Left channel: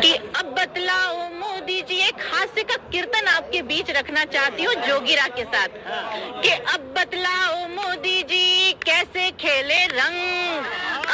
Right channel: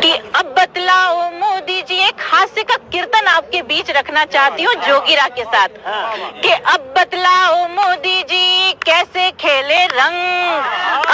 कि अब बतलाओ मोदी जी, एक हास्य का कीर्तन आपके बीच रखना चाहती हूँ जोगीरा के साथ कि अब बतलाओ मोदी जी कैसे खेले रंग,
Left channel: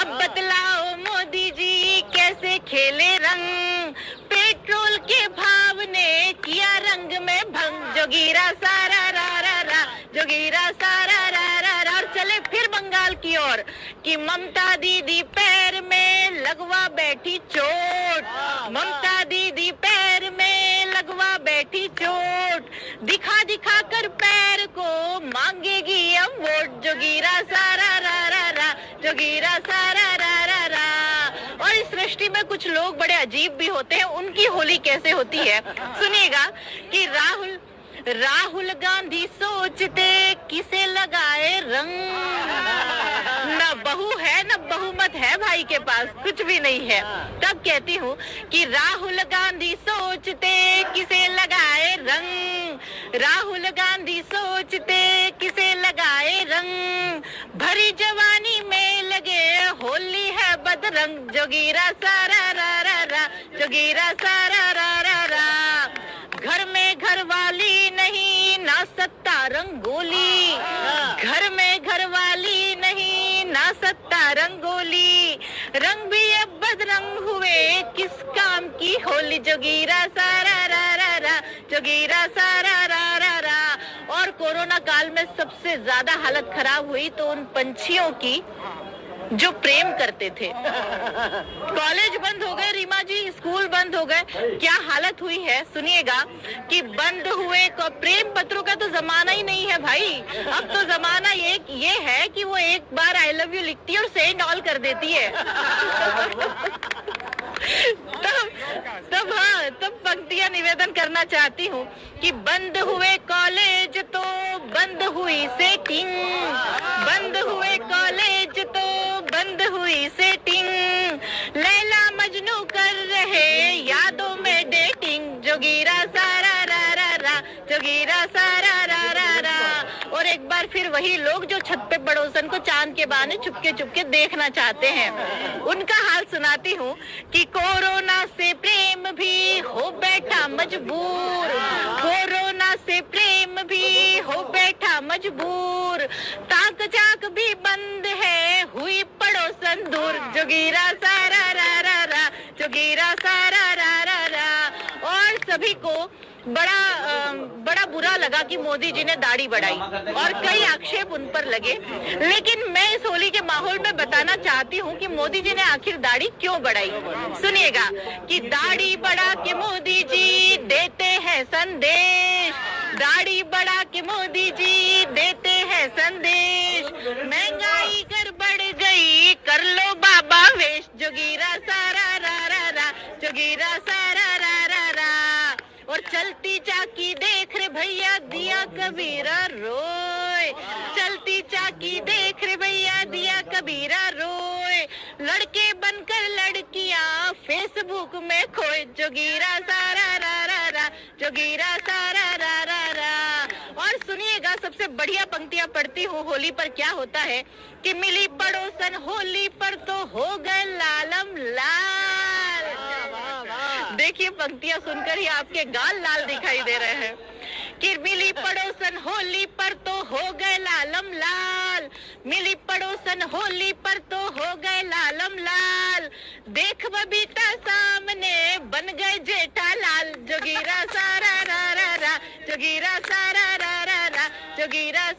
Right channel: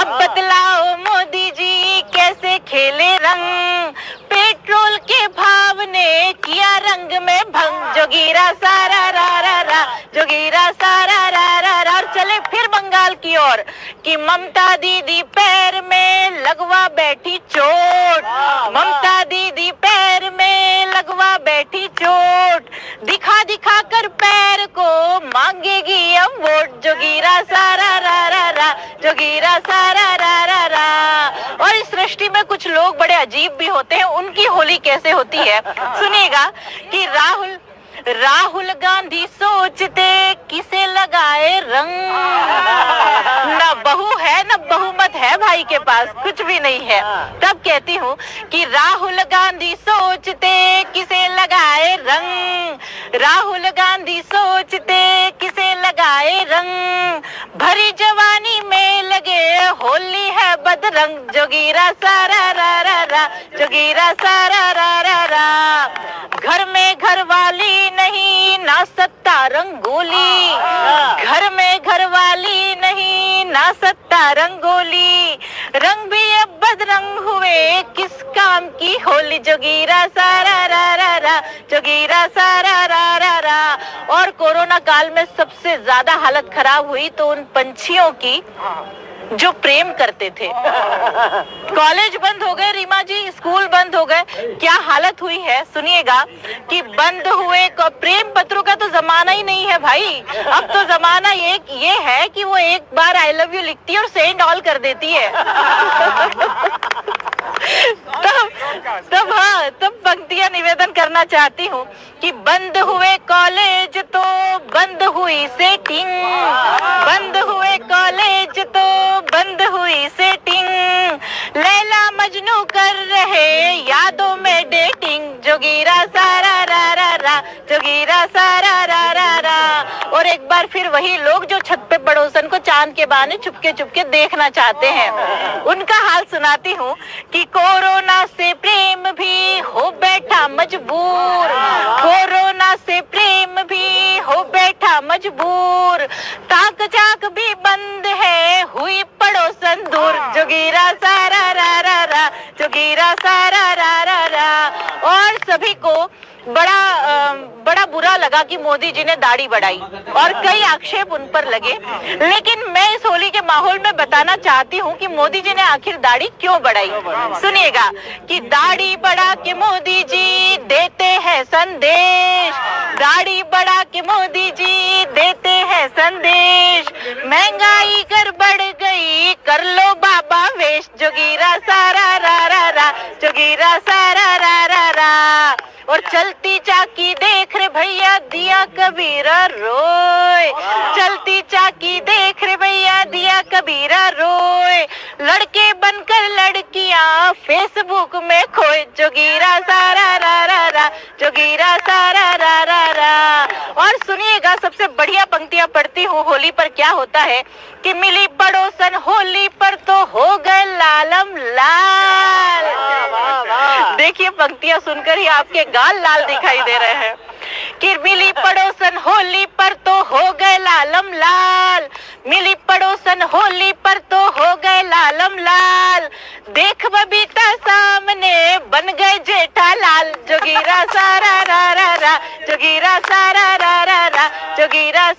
अब बतलाओ मोदी जी कैसे खेले रंग, पेट्रोल के भाव ने किया रंग में भंग, जोगीरा सारा रा रा रा, जोगीरा सारा रा रा रा। और चले फिर बंगाल की ओर कि ममता दीदी पैर में लगवा बैठी चोट, ममता दीदी पैर में लगवा बैठी चोट, दिखा दिखा कर पैर को मांगेगी अब वोट, जोगीरा सारा रा रा रा, जोगीरा सारा रा रा रा। और इस सृष्टि में कुछ लोग बड़े अजीब भी होते हैं, उनकी होली कैसे होती है सुनिएगा कि राहुल गांधी सोचते किसे लगाए रंग, ना बहू है ना बहुमत है भाई के पास, कुछ भी नहीं है। तब कहती हूँ कि राहुल गांधी सोचते किसे लगाए रंग, राहुल गांधी सोचते किसे लगाए रंग, भरी जवानी में लगे होली है बदरंग, जोगीरा सारा रा रा रा, जोगीरा सारा रा रा रा। घर में घर वाली नहीं ना सत्ता रंगोली, घर में घर वाली नहीं ना सत्ता रंगोली, रंग भी अब बदरंग हुए किस काम की होली, जोगीरा सारा रा रा रा, जोगीरा सारा रा रा रा। और कोरोना काल में सबसे ज्यादा हालत खराब हुई तो उन पंछियों की जो प्रेम करते थे। कॉलेज बंद हो गए रीमा जी, स्कूल बंद हो गए, क्या हालत हुई है सुनिएगा कि बंद हुए प्रेम पत्रों का तो जमाना ही नहीं है भाई। अब तो जमाना ये है कि वो एक बार आई लव यू लिखती है और सेंड ऑल कर देती है। तब पंक्तियां निवेदन करना चाहती हूँ कि बंद हुए कॉलेज तो बंद हुई सेटिंग, बंद हुए कॉलेज तो बंद हुई सेटिंग, लैला मजनू कर रहे यादों में डेटिंग, जोगीरा सारा रा रा रा, जोगीरा सारा रा रा रा। और एक बार फिर वही लोग जो छत पे पड़ोसन को चांद के बहाने चुपके चुपके देखना चाहते हैं, उनका हाल सुनाती हूँ कि कोरोना से प्रेम भी हो बैठा मजबूर, कोरोना से प्रेम भी हो बैठा मजबूर, ताक झाक भी बंद है हुई पड़ोसन दूर, जोगीरा सारा रा रा रा, जोगीरा सारा रा रा रा। और सभी को बड़ा बुरा लगा कि मोदी जी ने दाढ़ी बढ़ाई और कई आक्षेप उन पर लगे, लेकिन मैं इस होली के माहौल में बताना चाहती हूँ कि मोदी जी ने आखिर दाढ़ी क्यों बढ़ाई। सुनिएगा कि दाढ़ी बढ़ा के मोदी जी देते हैं संदेश, दाढ़ी बढ़ा के मोदी जी देते हैं संदेश, महंगाई कर बढ़ गई कर लो बाबा वेश, जोगीरा सारा रा रा रा, जोगीरा सारा रा रा रा। और चलती चाकी देख रे भैया दिया कबीरा रोए, चलती चाकी देख रे भैया दिया कबीरा रोए, लड़के बनकर लड़कियां फेसबुक में खोए, जोगीरा सारा रा रा रा, जोगीरा सारा रा रा रा। और सुनिएगा सबसे बढ़िया पंक्तियां पढ़ती हूँ होली पर क्या होता है कि मिली पड़ोसन होली पर तो हो गए लालम लाल। देखिए पंक्तियां सुनकर ही आपके गाल लाल दिखाई दे रहे हैं कि मिली पड़ोसन होली पर तो हो गए लालम लाल, मिली पड़ोसन होली पर तो हो गए लालम लाल, देख बबीता सामने बन गए जेठालाल, जोगीरा सारा रा रा रा, जोगीरा सारा रा रा रा, जोगीरा